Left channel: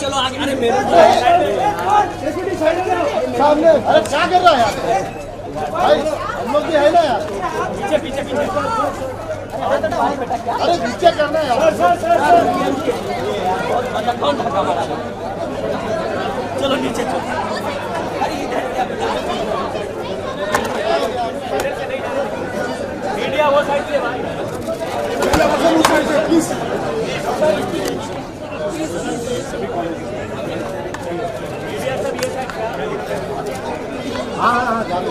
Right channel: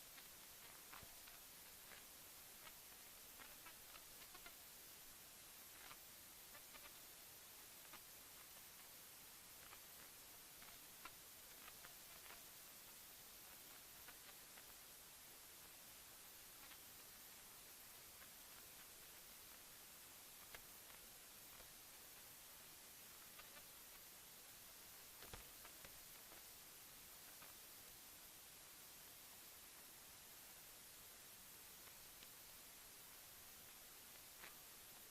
चलो आगे। अरे मेरे सामने, अरे क्या कर रहा है यार भाई, हम लोग भी है ना यार। पीछे पीछे पीछे। अरे नीचे करना है यार। चलो नीचे चलो। मीडिया वो साइड से भाई। हाँ हाँ हाँ जाने।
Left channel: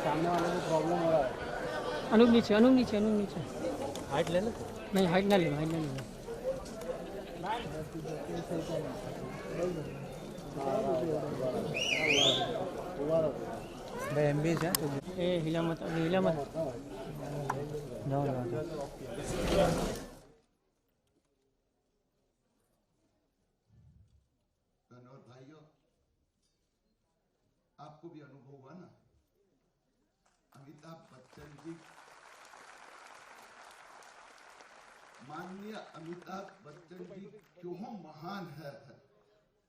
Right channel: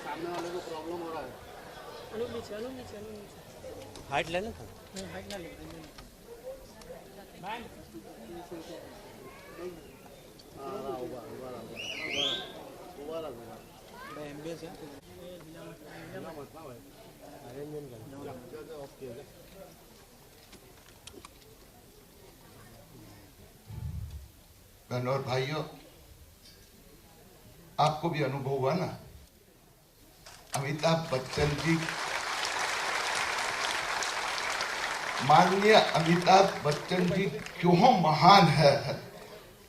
सामने वाले को प्रॉब्लम हो रहा है। अनूप नीचे, अनूप नीचे, अनूप नीचे। हाइट ले लो। नहीं हाइट ना ले, हाइट ना ले। भाई एमबीएच है। ए हिला मत, हिला मत। बहनों और भाइयों, आपको भी अनुभव हुआ ना, अमिताभ बच्चन जी, माननीय अमिताभ बच्चन जी क्यों महान है।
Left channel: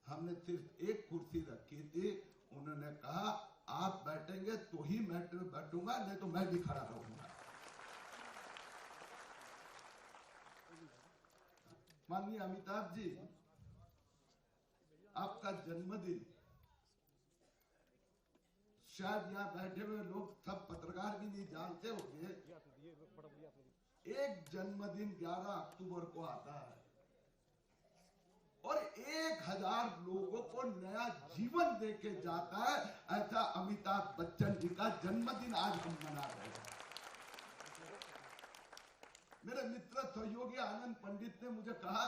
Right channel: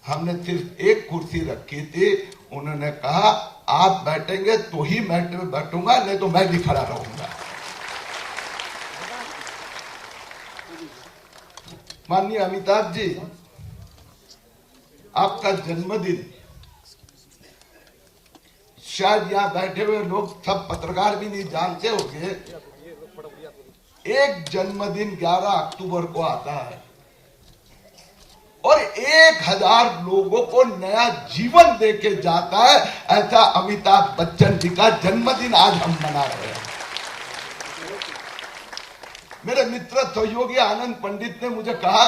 हमने सिर्फ एक कुर्सी रखी थी, उन्होंने कहा आप बैठेंगे तो ही मैं बैठूंगा, नहीं तो मैं भी खड़ा रहूंगा। माननीय अमिताभ जी, आपका जन्मदिन शायद यहाँ बैठे हुए लोग सब पत्रकार भी नहीं जानते होंगे। एक जन्मदिन 11 अक्टूबर को आता है और 1000 लोगों को नया जीवन देके जाता है। ऐसा अमिताभ बच्चन जी का जन्मदिन आज हम मना रहे हैं। मेरे मित्र सहयोगी आनंद पंडित ने मुझे कहा,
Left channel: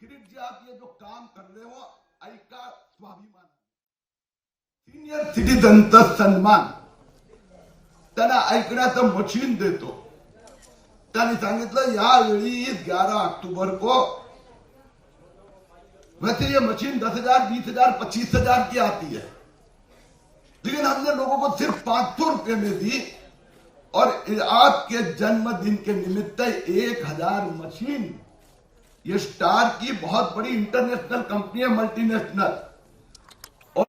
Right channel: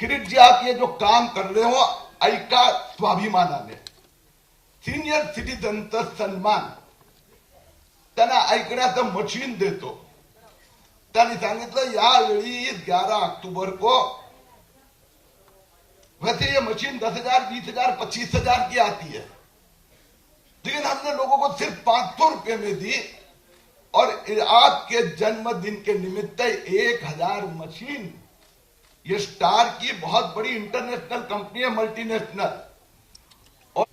किरीट जी आप ये जो काम कर रहे हो ऐका स्वाभिमानाने, सिनियर सिटीजनचं सन्मान, त्यांना ऐकण्याचं मशीन देतो। त्यांनी सांगितलं यावेळी 11 अक्टूबर को वैसे ये मशीन 10,000, 20,000, 25,000 की आती है, लेकिन हमने लोगों को सिर्फ 500 रुपए में दी और आपके जन्मदिन के निमित्त 1000 मशीन। ये स्टार की बहुत बड़ी इंटरनेशनल कंपनी है, मल्टीनेशनल, और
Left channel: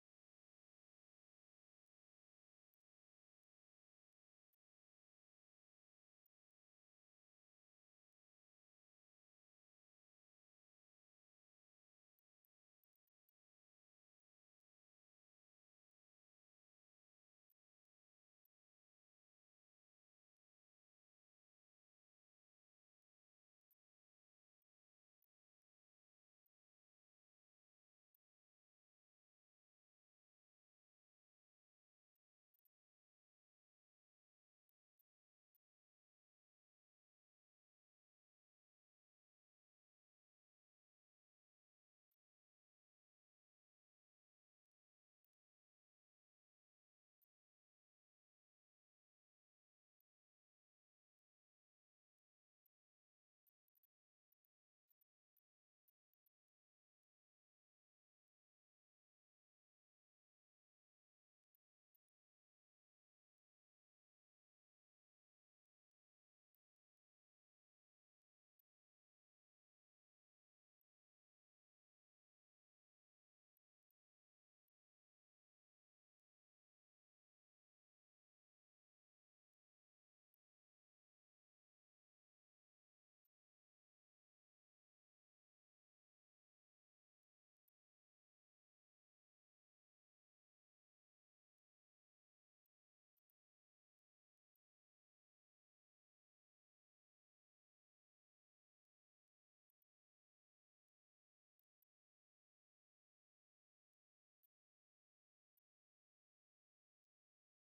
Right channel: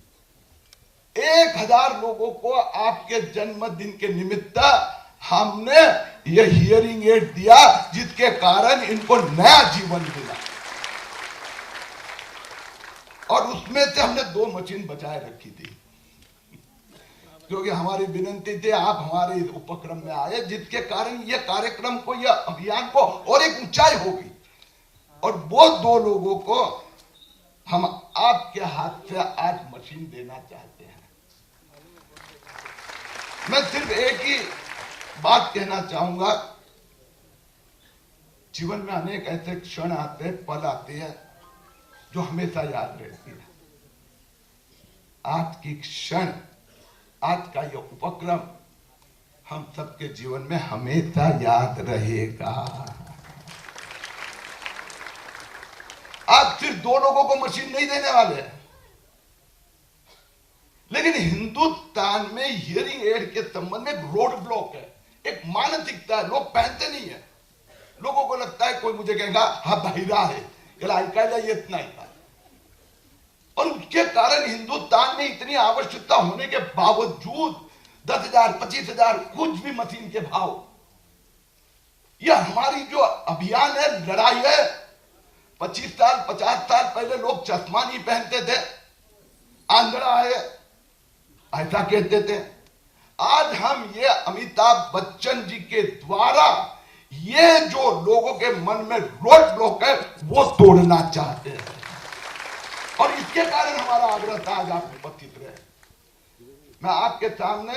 1000 लोगों को आपके जन्मदिन के निमित्त हमने ये हियरिंग एड दिया, जिसके कारण इनको नया जीवन मिला। और उसमें से हमने 2 मशीन बचाए रखी थी, क्योंकि हमारी विनती थी आप हमारे उपक्रम में आए, जिसके कारण ये कार्यक्रम को, ये अभियान को और एक ऊंचाई होगी। और वो 2 लोगों को हम आपके हाथ से आज मशीन देना चाहते हैं। मैं सिर्फ एक ही बात कहना चाहूंगा, जीवन में अनेक ऐसे क्षण आते हैं, पल आते हैं जो हमेशा याद रहती है। आज की क्षण, आज का ये उपक्रम हम सबके जीवन में हमेशा याद रहेगा। आज सिर्फ 2 लोगों को मशीन नहीं देने वाले, लेकिन हिंदुस्तान में हियरिंग एड के संबंध में रोड ब्लॉक है, एक मानसिकता है, लोग पहनते नहीं है। लोगों को लगता है कोई मुझे कहेगा हाँ बहिरा है, ऐकायला येत नाही का, और उसके कारण हिंदुस्तान में इतनी आवश्यकता होने के बावजूद 10,000, 25,000 कुछ भी मशीन के भाव। यह हमारी जो अभियान है, लड़ाई है। 25 साल 50 साल पहले लोग चश्मा नहीं पहनते थे, आंधड़ा है ऐसा कहते थे। आज हम ये अमिताभ बच्चन जी के द्वारा ये जो लोगों के मन में रोड ब्लॉक है वो तोड़ना चाहते हैं, और इसके कारण हमारा आग्रह था आज आप उपस्थित रहे। मैं आपके सामने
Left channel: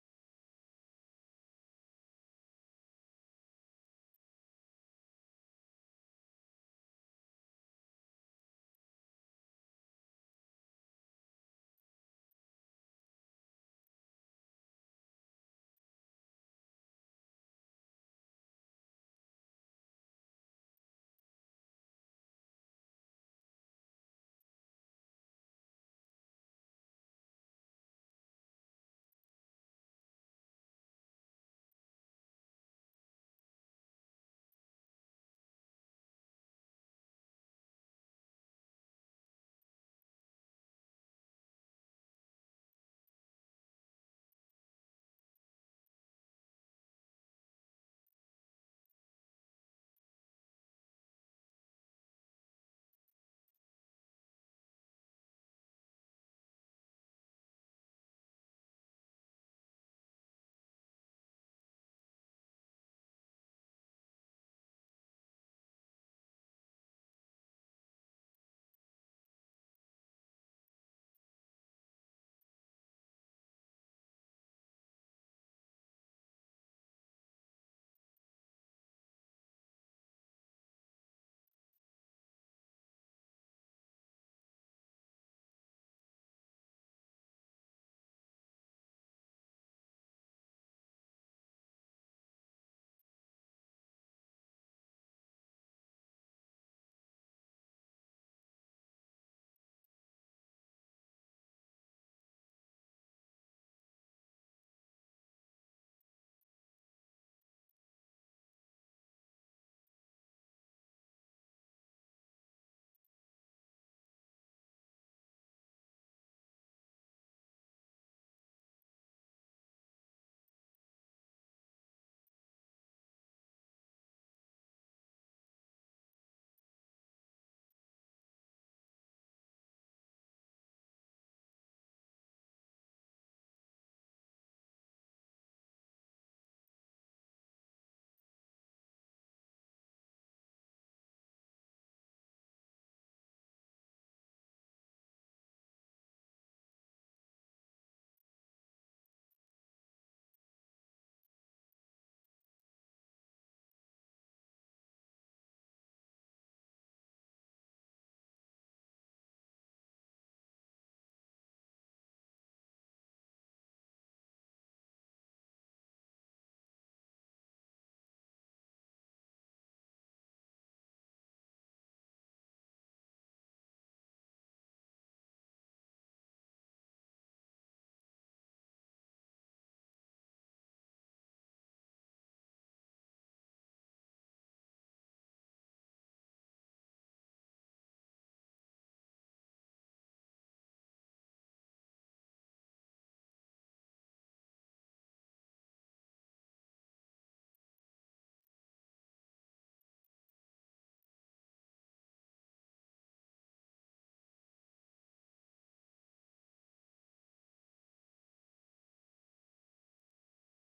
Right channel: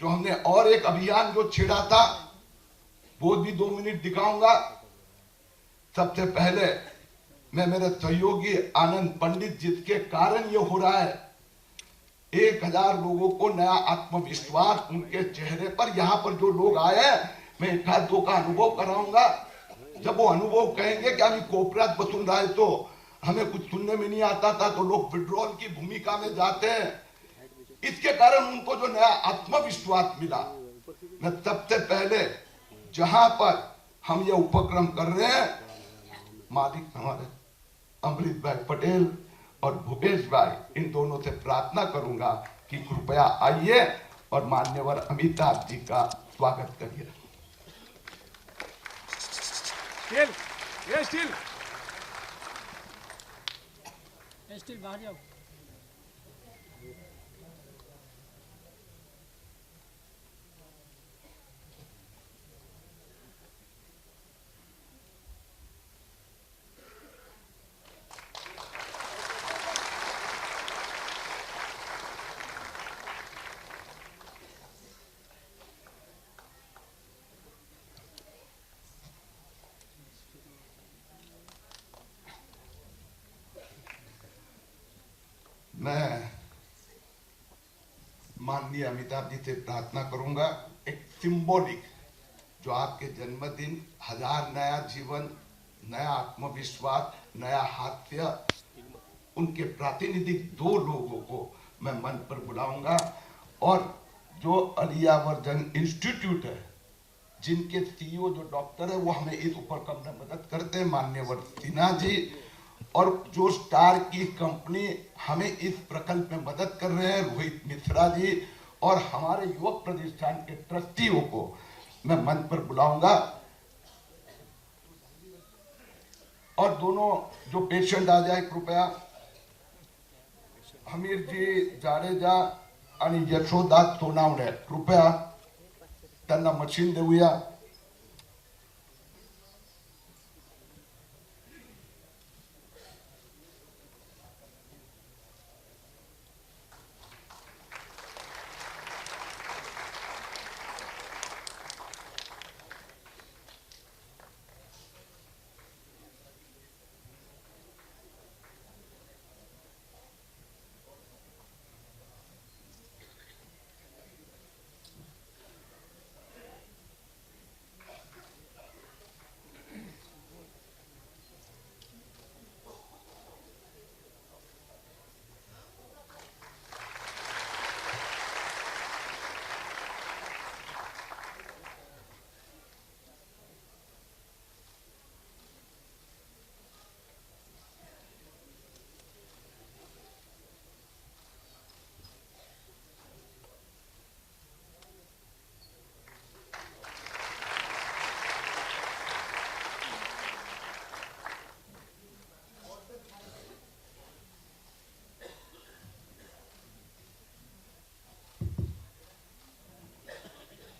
जो हमने और एक अभियान जो छेड़ा था वो भी 2 मिनट दिखाऊंगा। सबसे पहले मैं मेरे सहयोगी आनंद पंडित जिसके कारण ये हो रहा है, 1000 लोगों को नया आत्मविश्वास उनके चेहरे पर, यहां पर जो लोग आए हैं मैं 1-2 का अनुभव कराऊंगा। जब वो अनुभव कहेंगे कि हम कोपरात बसुन रहे तो हमें कुछ सुनने में नहीं आता था, तो लोग विड्रॉल की भूमिका में जाते हैं, इसके कारण उनको जो नया आत्मविश्वास मिला। मैं सबसे पहले जहां पर हम ये उपक्रम कर रहे हैं, मालिक हमारे अमृत भाई पटेल और भूपेश भाई, इन दोनों से प्रार्थना करूंगा कि कृपया आइए और मान्यवर अमिताभ जी का स्वागत करिए। स्टिल बाहर जाओ। मैं माननीय अमिताभ जी से प्रार्थना करूंगा, एक सिंबॉलिक जो आपके जन्मदिन, 1000 नया जीवन, नया आत्मविश्वास, नया हास्य, उनके प्रातिनिधिक 2 लोगों को मैं मंच पर बुलाऊंगा। और जो अलियावर्धन इंस्टीट्यूट है जिनके सीईओ जो डॉक्टर है वो हमें इस उपक्रम में मदद करते हैं, मान्यवर सिन्हा जी, और जो स्टार की कंपनी हमें इस प्रकल्प में मदद कर रहे हैं, रोहित मिश्रा जी, और हमारे युवक प्रतिष्ठान के ट्रस्टियों को मैं मंच पर बुलाऊंगा। और दोनों जो पेशेंट आ जाए कृपया, हमीर जी जाडेजा आणि यशोदास सोनावणे, कृपया त्यांना मशीन देऊया।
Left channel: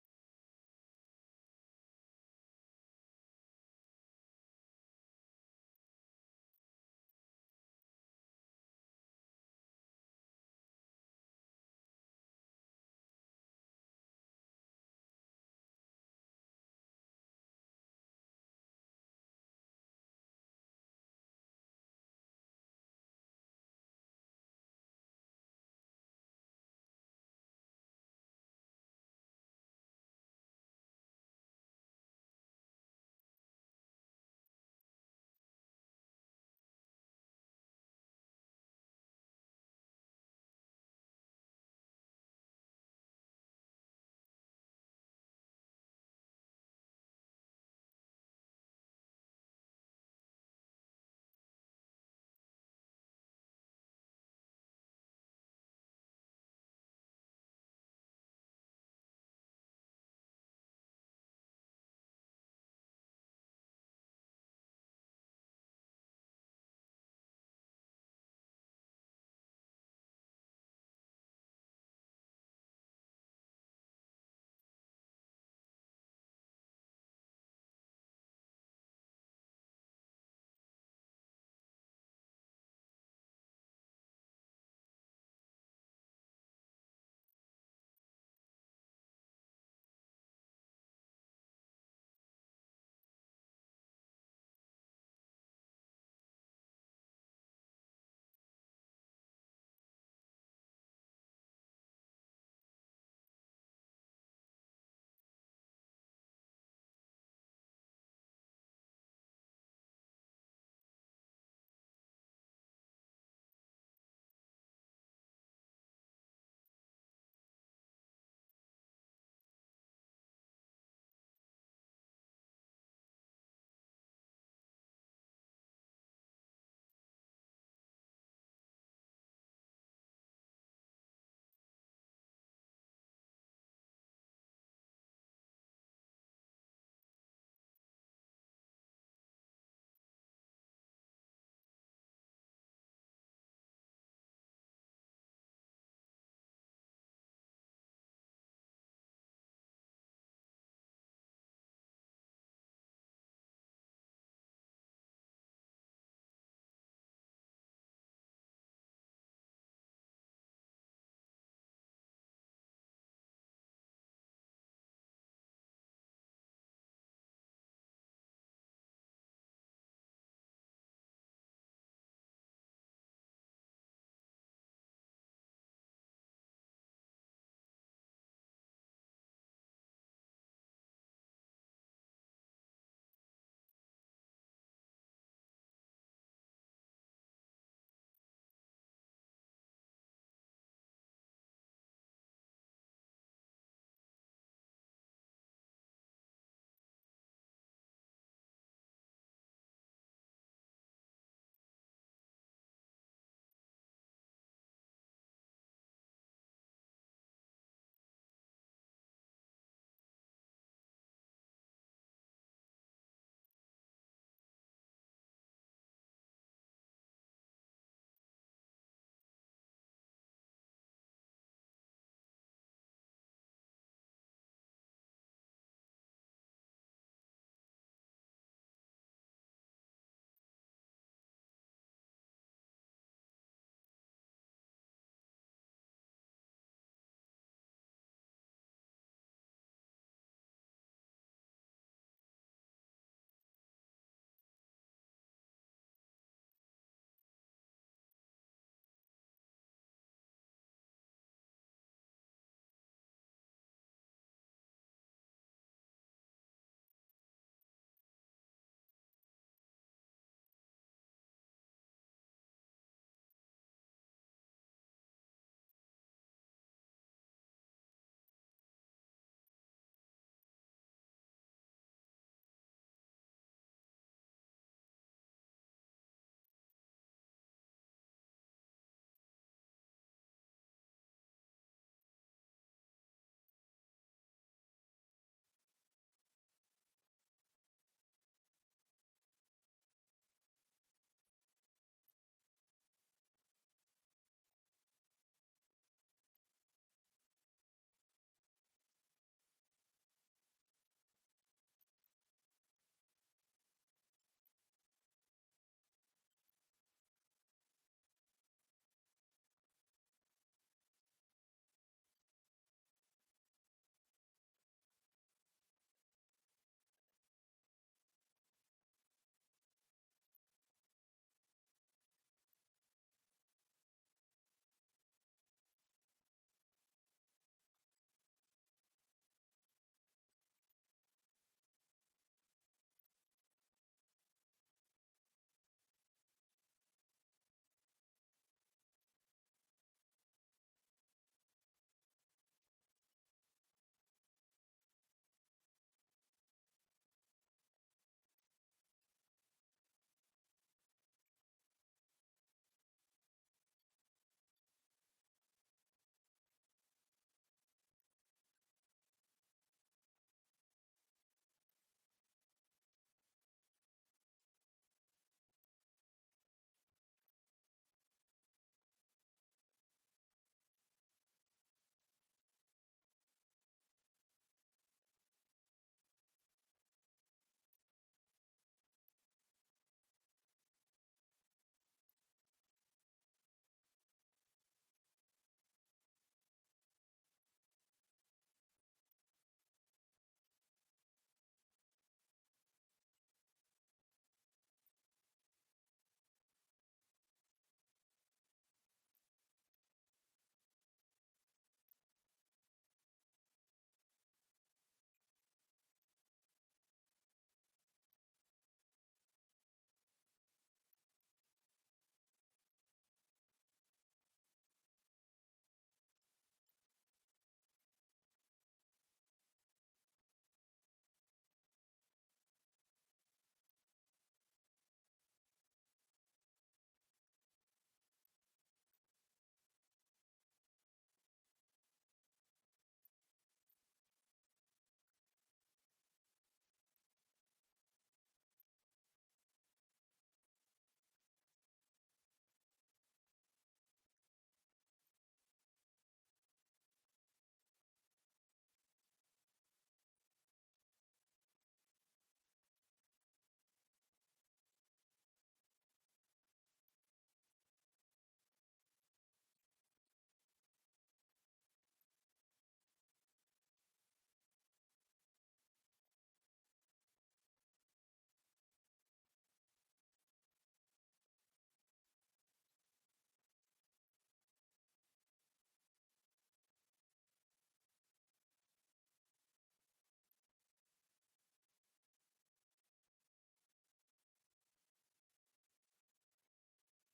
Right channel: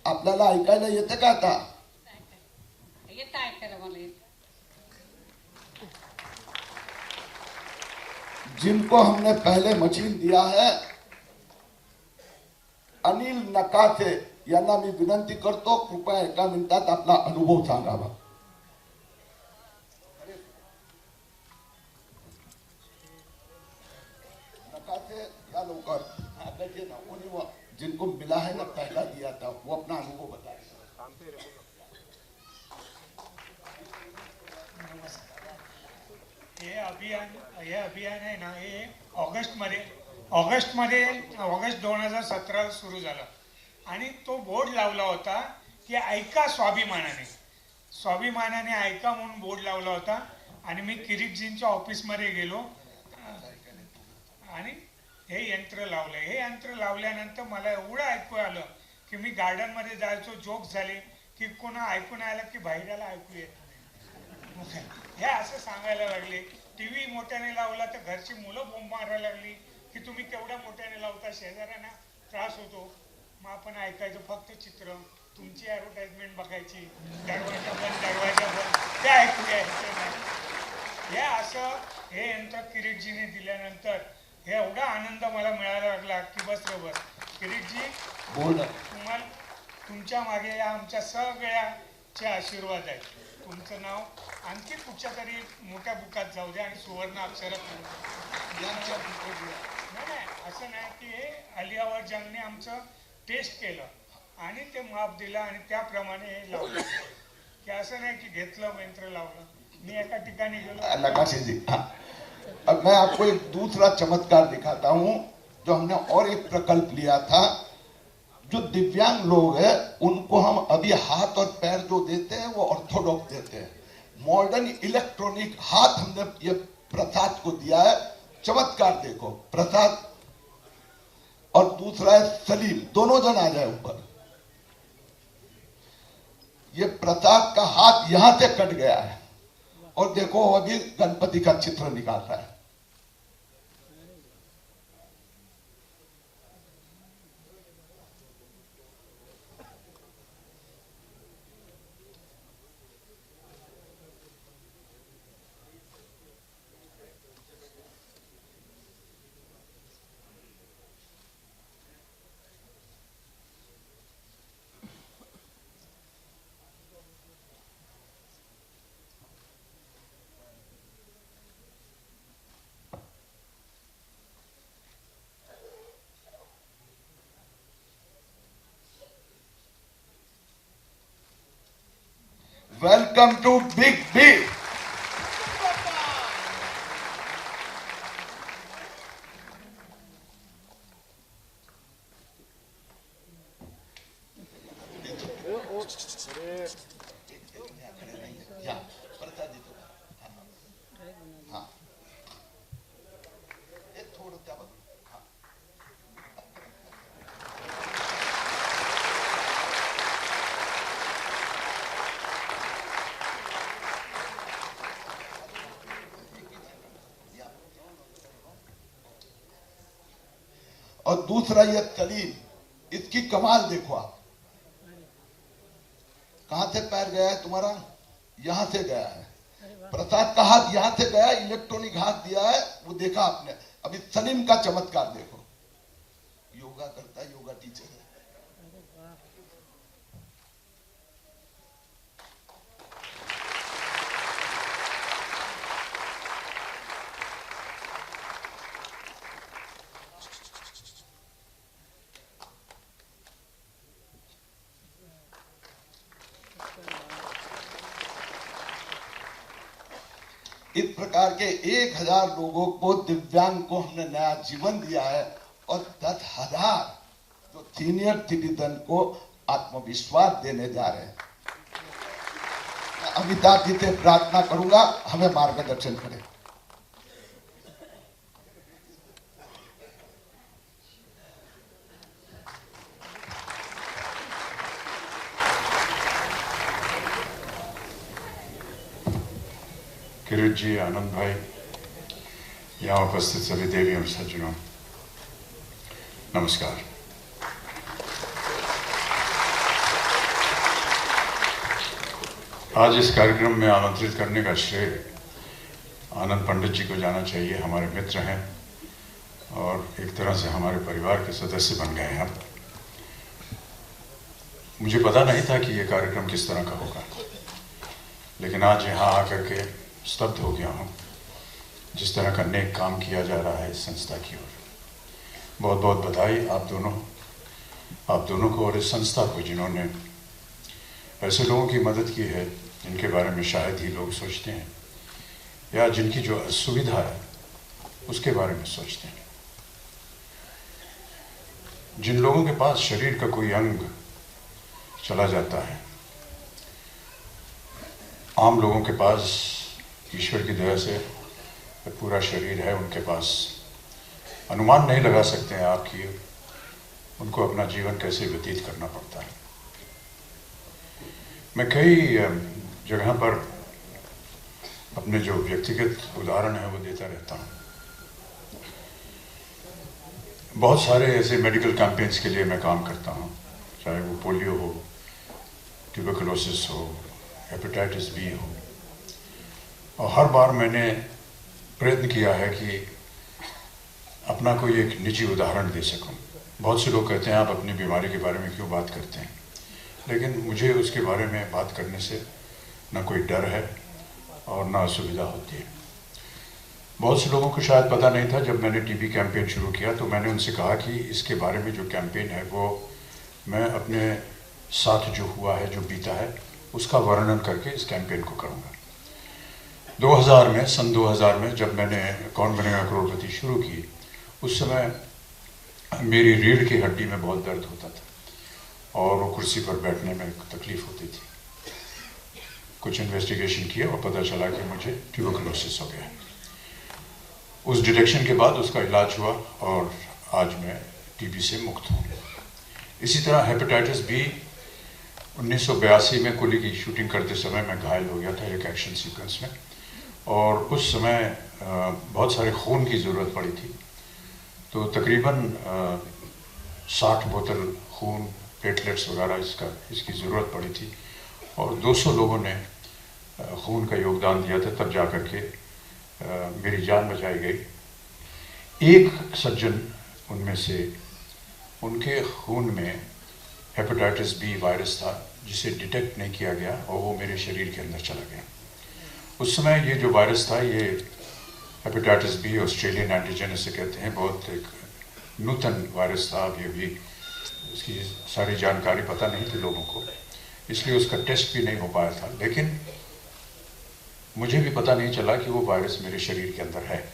आपल्याला ऐकायला येते का आता? येतं ऐकायला मला येतं. जिनको हमने पहले मशीन दिया है, अनिल नकाथे यांना मी विनंती करतो, कृपया 1 मिनिटात आपला अनुभव सांगावा। नकाथे या लवकर, देखिए ना उन्हीं वो जिनको मिला है ना, पहला दिया था, वो अपना अनुभव बताए। हे अभियान आहे ना, हे ऑगस्ट 2017 सुरू झालं आणि तो बोर्ड लावला होता की ऐका स्वाभिमानाने ऐका म्हणून बोर्ड लावला होता। आणि मी किरीटजींच्या ऑफिसमध्ये गेलो आणि हे यंत्र लावलं। हे यंत्र लावल्यानंतर मला एवढं ऐकू आलं की मी गार्डन मध्ये जायचो, जोक झाले की कोणा ऐकून आलं की बाहेरला ऐकू येत नाही, हे असं सांगायला लागले। टीव्ही मोठ्याने लावला तर घरची मुलं बोंब मारायला लागली की तुम्ही केवढ्या मोठ्याने लावता, शेजाऱ्यांना त्रास होतो। मग आपण ऐकायचं फक्त चित्र, तुमची ॲडव्हर्टाइजमेंट बघायची, दरवाजा बंद ते ऐकू यायचं नाही. हे असं हे यंत्र किरीटजीने दिल्यानंतर हे एवढा आनंद मला मिळायला लागला की बस रे बस. किरीटजी तुम्हाला तुमच्या मागे या आमच्या सगळ्याचे आशीर्वाद आहेत. तुमचं नाव आणखी कुठच्या तरी मोठ्या बुकात जाऊ द्या आणि सुवर्ण अक्षरात नाही, असं नाही की हे अलियावर जंगने आमचं टेस्ट केलं आणि ते माप दिलं आणि त्याप्रमाणे हे लावलं की असं नाही की घेतलं यंत्र लावलं. मी एका ठिकाणी गेलो. नकाशी जी, हाँ. अब मैं आपको एक दूसरा चमत्कार दिखाता हूं जो हमने और एक प्रकल्प लिया था. जो दिव्यांग लोग हैं उनको हम अभी हाथ और पैर जो देते हैं वो ऑर्थोडॉक्स देते हैं. मॉडर्न इलेक्ट्रॉनिक हाथ हमने ये प्रसाद को दिया है. चमत्कार देखो, प्रसाद और दूसरा है सलीम. दोनों जन आ जाए ऊपर. ये प्रसाद का हाथ यहां से कट गया है और देखो अभी गणपति का चित्र निकाल रहा है. Welcome to Big B. और दूसरा ये सलीम, इसकी कमाल देखो आप. कहां से पैर गया है तुम्हारा? यहां से गया है. प्रसाद का हाथ यहां से गया, इलेक्ट्रॉनिक हाथ दिया है, वो देखा आपने. अभी सलीम का चमत्कार देखो. योगा करता है, योगा टीचर है. इस प्रकार के 1000 लोगों को, दिव्यांग को हमने नया जीवन दिया है और 10,000 जो सीनियर सिटीजन को आत्मविश्वास देने जा रहे हैं. अमिताभ जी से प्रार्थना करूंगा हमें मार्गदर्शन करें. किरीट जी, आनंद भाई, यहाँ उपस्थित सभी देवी और सज्जनों, नमस्कार. आज इस कार्यक्रम में आमंत्रित करने का श्रेय आनंद पंडित जी को जाना चाहिए. हमारे मित्र हैं और एक तरह से हमारे परिवार के सदस्य बन गए हैं. मुझे पता नहीं था कि ये कार्यक्रम किस तरह का होगा, लेकिन आज यहाँ आकर के स्तब्ध हो गया हूँ जिस तरह का नेक काम किया जा रहा है इस संस्था की ओर. बहुत बहुत बधाई आप दोनों को और इस संस्था को जिन्होंने ऐसे लोगों की मदद की है जिनके बारे में शायद ही लोग सोचते हैं या जिनकी जो असुविधा है उसके बारे में सोचते हैं. जिन लोगों के पास शरीर का कोई अंग चला जाता है, आम लोगों के पास ईश्वर की दया से पूरा शरीर है, उनके पास अनुमान नहीं लगा सकते हैं आप कि उनको अपना जीवन कैसे व्यतीत करना पड़ता है. मैं कई जगह पर अपने जो व्यक्तिगत उदाहरण है वो देता रहता हूँ. बहुत सारे ऐसे मेडिकल कैंपेन्स के लिए मैं काम करता हूँ, चाहे वो पोलियो हो, ट्यूबरकुलोसिस हो, हेपेटाइटिस बी हो, और हर बार मैंने प्रयत्न किया है कि अपना कोई एक निजी उदाहरण दे सकूं। बहुत से लोग कहते हैं आप अपनी बीमारी के बारे में क्यों बात करते हैं, लेकिन मुझे उसके बारे में बात करने से ना कोई डर है और ना असुविधा होती है। बहुत से लोगों को शायद पता नहीं था, जब मैंने टीबी कैंपेन शुरू किया तो मैंने उनसे कहा कि इसके बारे में जो कैंपेन है वो मैं अपने साथ जो हुआ है, जो बीता है, उसका वर्णन करके इस कैंपेन को करूँगा। 2000 में, सन 2000 में जब मैंने कौन बनेगा करोड़पति शुरू की, उस समय मेरी रीढ़ की हड्डी में बहुत दर्द होता था और वो कुर्सी पर बैठने में तकलीफ होती थी। कुछ इन्वेस्टिगेशन किया और पता चला कि मुझे ट्यूबरकुलोसिस हो गया। उस डिटेक्शन के बाद उसका इलाज हुआ और आज मैं टीबी से मुक्त हूँ। इसी तरह हेपेटाइटिस बी 1982 में कुली की शूटिंग करते समय मैं घायल हो गया था एक एक्शन सीक्वेंस में, और उस समय बहुत सारे खून की ज़रूरत पड़ी थी। तो तकरीबन 60 बोतल खून, प्लेटलेट्स वगैरह इसकी ज़रूरत पड़ी थी, और 200 लोगों ने खून का योगदान दिया था, तब जाकर के मेरी जान बचाई गई। एक सज्जन उनमें से, उनके खून में हेपेटाइटिस बी वायरस था जिसे डिटेक्ट नहीं किया गया और वो मेरे शरीर के अंदर चला गया। उस समय ये जो वायरस था, ये हेपेटाइटिस बी ऑस्ट्रेलियन एंटीजन इसे कहते हैं, बहुत एक नूतन वायरस था। अभी इसकी सारी जानकारी पता नहीं थी लोगों को, इसलिए उसका टेस्ट भी नहीं हो पाया था। लेकिन मुझे भी पता नहीं चला कि वो वायरस मेरे शरीर के अंदर है।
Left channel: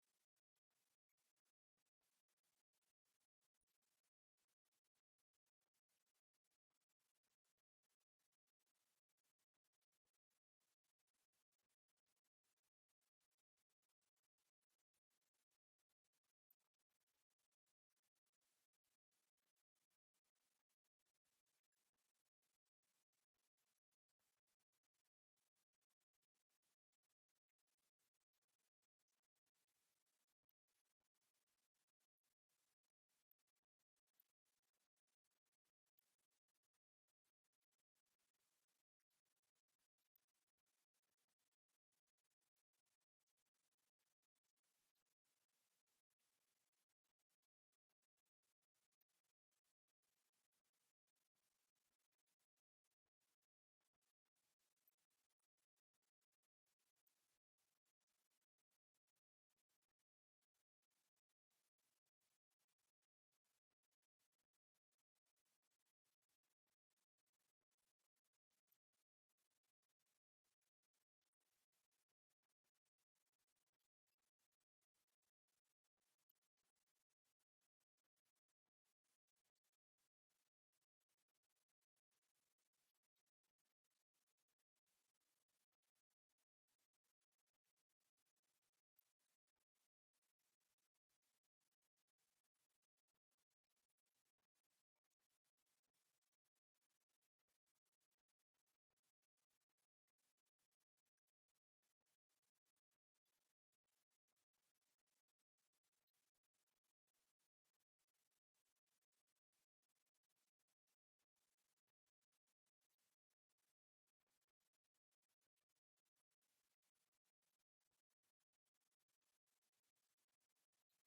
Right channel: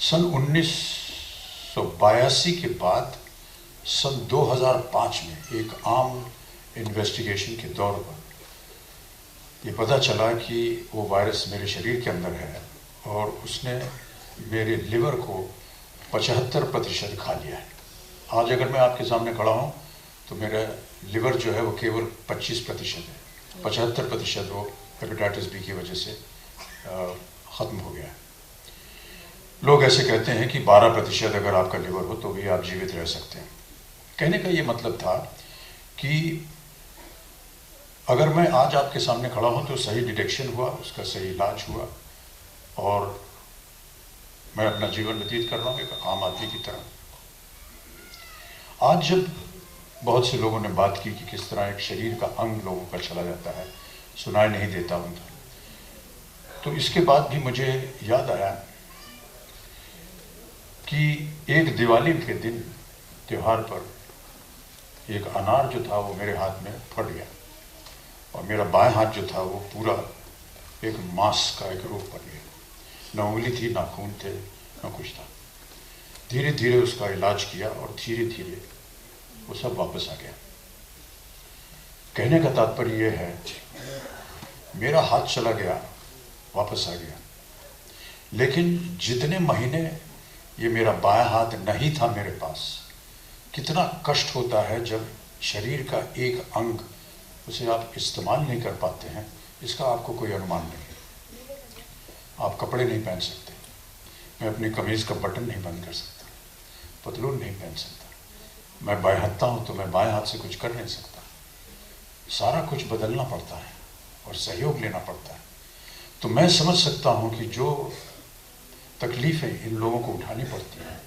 सन 1982 के बाद सन 2005 में एक आम इन्वेस्टिगेशन के दौर पर ये पता चला कि वो वायरस मेरे शरीर के अंदर है और उसने मेरे लिवर को 75% खा लिया है। आज अगर मैं आपके सामने खड़ा हूँ तो मेरा लिवर जो है वो केवल 25% है, 75% वो हेपेटाइटिस बी की वजह से ख़त्म हो गया है। लोग ऐसे कहते हैं कि 12% अगर आपका लिवर हो तो भी आप जीवित रह सकते हैं। कहने का ये मतलब था कि अगर मैं आज आपके सामने खड़ा हूं तो सही डिटेक्शन हुआ, उसका सही इलाज हुआ और मैं अपना जीवन व्यतीत कर रहा हूं एक आम आदमी की तरह। आज जब बहुत से लोगों ने बात की कि किस तरह एक शरीर का अंग लोगों का चला जाता है, सुनाई नहीं देता उनका, तो इसके बाद भी मुझे याद आया कि एक दिवाली के दिन त्योहार पर एक अनार जो था वो मेरे हाथ में फट गया और मेरा बाएं हाथ जो था वो पूरा एक मांस का एक रूप बन गया। न उंगली थी, ना खून थे, न कुछ था। धीरे धीरे उसका इलाज किया और धीरे धीरे वो सब वापस आ गया। कहने का तात्पर्य यह है, मेरा हाथ चला गया, वापस आ गया, लेकिन जितने महीने ये मेरा बायां हाथ नहीं था मेरे पास, कितना कष्ट होता है जब शरीर का एक अंग उसे आप इस्तेमाल नहीं कर पाते हैं, इसका आपको कोई अनुमान नहीं। आप कपड़े नहीं पहन सकते, मैं अपनी कमीज़ का बटन नहीं बंद कर सकता, पतलून नहीं पहन सकता, मैं बाएं हाथ हूँ तो मैं बाएं हाथ से कुछ कर नहीं सकता। सारा कुछ बदलना पड़ता है और सहयोग लेना पड़ता है। तो मैं समझ सकता हूँ कि जो तकलीफ़ें इन लोगों को उठानी पड़ती हैं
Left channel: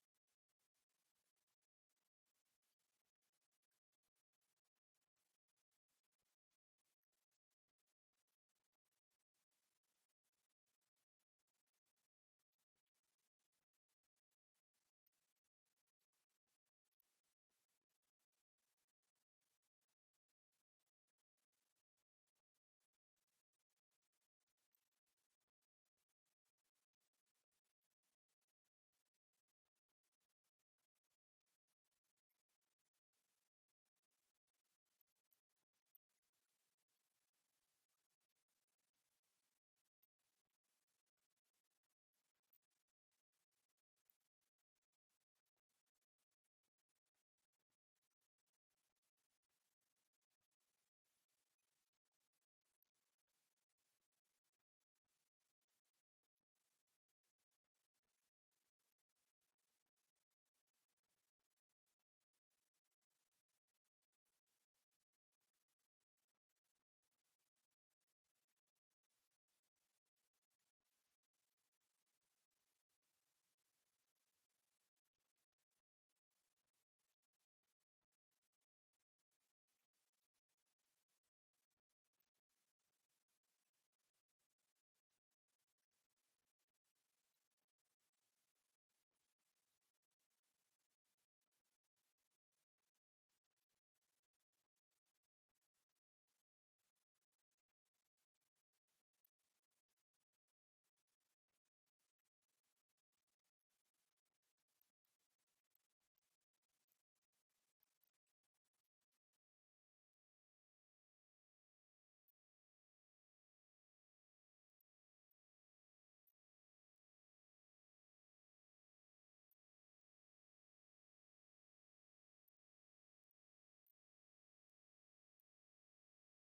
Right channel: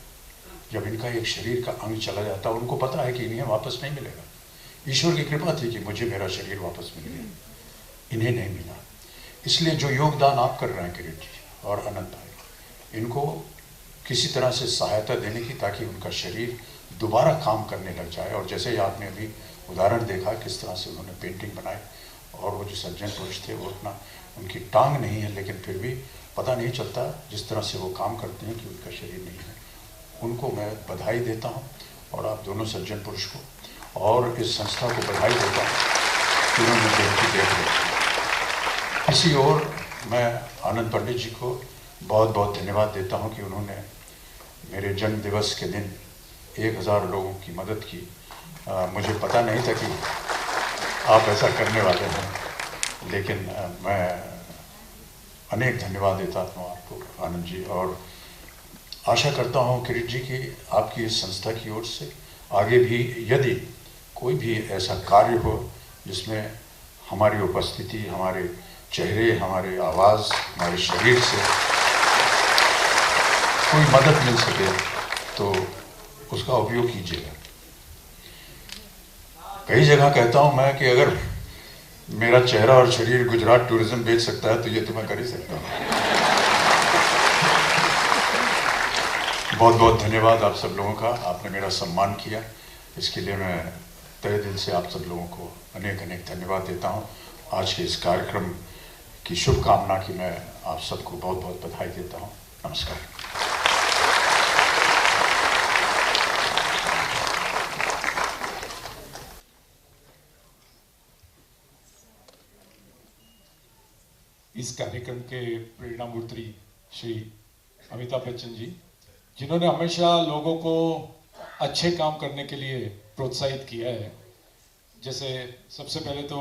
जब इनका एक शरीर का अंग चला जाता है। उनको पता है कि इन्हें वापस नहीं मिलेगा। ईश्वर की कृपा थी कि मुझे मेरा शरीर वापस मिल गया, इन्हें नहीं मिला। इसलिए जो योगदान आप कर रहे हैं किरीट जी और अनंत भाई, इनको किसी तरह से सहायता देने की, ताकि उनका शरीर दोबारा काम करने लग जाए। और जैसे ही आपने अभी उदाहरण देखा किस तरह से उन्होंने पेंटिंग बनाई, और वो जो सज्जन पुरुष थे वो उतना, उनकी टांग नहीं है लेकिन फिर भी पता नहीं चलता जिस तरह से वो काम करते हैं कि उनका शरीर नहीं है। उनको मैं बधाई देता हूँ और आप दोनों सज्जन पुरुष को और इस संस्था को बधाई देता हूँ कि उन्होंने बेटी देख ली। इसी ओर मैं आनंद पंडित जी को बहुत बहुत धन्यवाद देता हूँ कि उन्होंने मेरे जन्म दिवस के दिन 1000 लोगों की मदद की। मुझे पता नहीं था कि आप ऐसा करने वाले हैं, लेकिन मैं अनेक धन्यवाद देता हूँ आपको आनंद जी। और आशा करता हूँ किरीट जी कि आपकी इस संस्था की ओर से आगे भी यदि कोई भी ऐसा कार्य हो जिसमें हमारी उपस्थिति, हमारे चेहरे, हमारी आवाज़, हमारे शरीर से कोई मदद मिल सके तो उसका उपयोग कीजिएगा। कई जगह कहता हूँ मैं कि अगर मेरा चेहरा और शरीर गुजरात टूरिज्म बेच सकता है तो ये तो मैं कर ही सकता हूँ। बहुत बहुत धन्यवाद आप सब लोगों का, आपने मेरा सम्मान किया, इसके लिए मैं तहे दिल से आप सब लोगों को अनेक अनेक धन्यवाद देता हूँ। आज के इस कार्यक्रम की शुभकामना की मैं आप सबको बहुत बहुत बधाई देता हूँ। नमस्कार। इस कार्यक्रम के प्रेरणामूर्ति श्री अमिताभ बच्चन जी, जिन्होंने हमेशा लोगों को अच्छे काम करने के लिए प्रोत्साहित किया है। जैसे सबसे पहले तो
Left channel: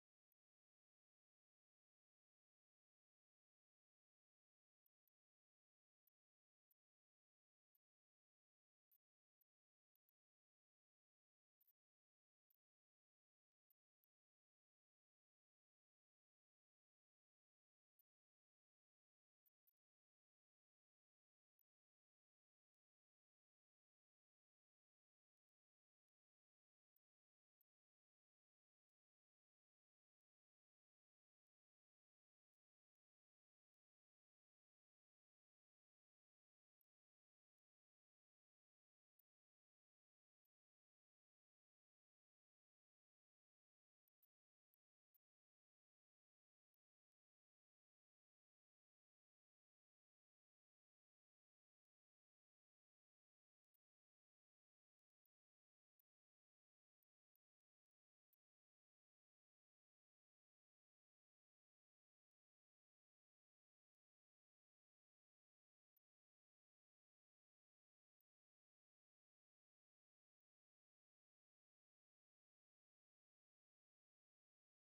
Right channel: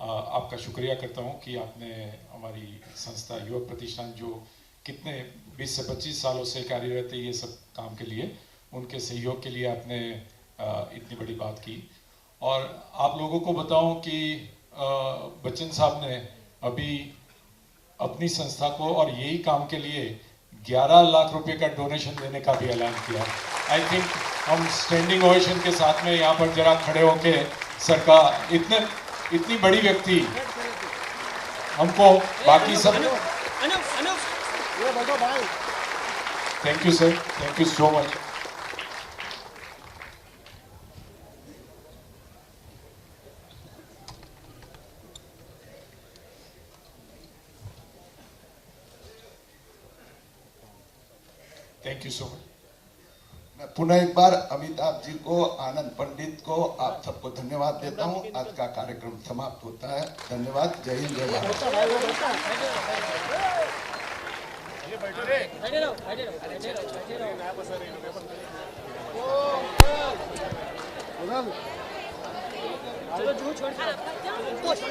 आपका शुक्रिया करता हूं कि आपने हमारी संस्था युवक प्रतिष्ठान, जो कितने 20 से 25 सालों से कार्यरत है ये सब काम के लिए, उनके सहयोग के लिए आपने इतनी बड़ी बात की। और आप लोगों को बताऊं कि बच्चन साहब ने अभी अपनी संस्था को और यही काम के लिए 11 लाख रुपए का डोनेशन देने का भी ऐलान किया। आई थिंक हम स्टैंडिंग ओवेशन के साथ में यहाँ पर जरा खड़े होके सर का इतनी बड़ी व्यक्ति हमको बाकी सब thank you sir, thank you so much. Thank you so much. मैं पुनः एक बार अमिताभ जी को, आनंद पंडित को, आप सबको धन्यवाद देता हूं। आज का कार्यक्रम समाप्त होता है। धन्यवाद। जय हिंद, जय भारत। चलो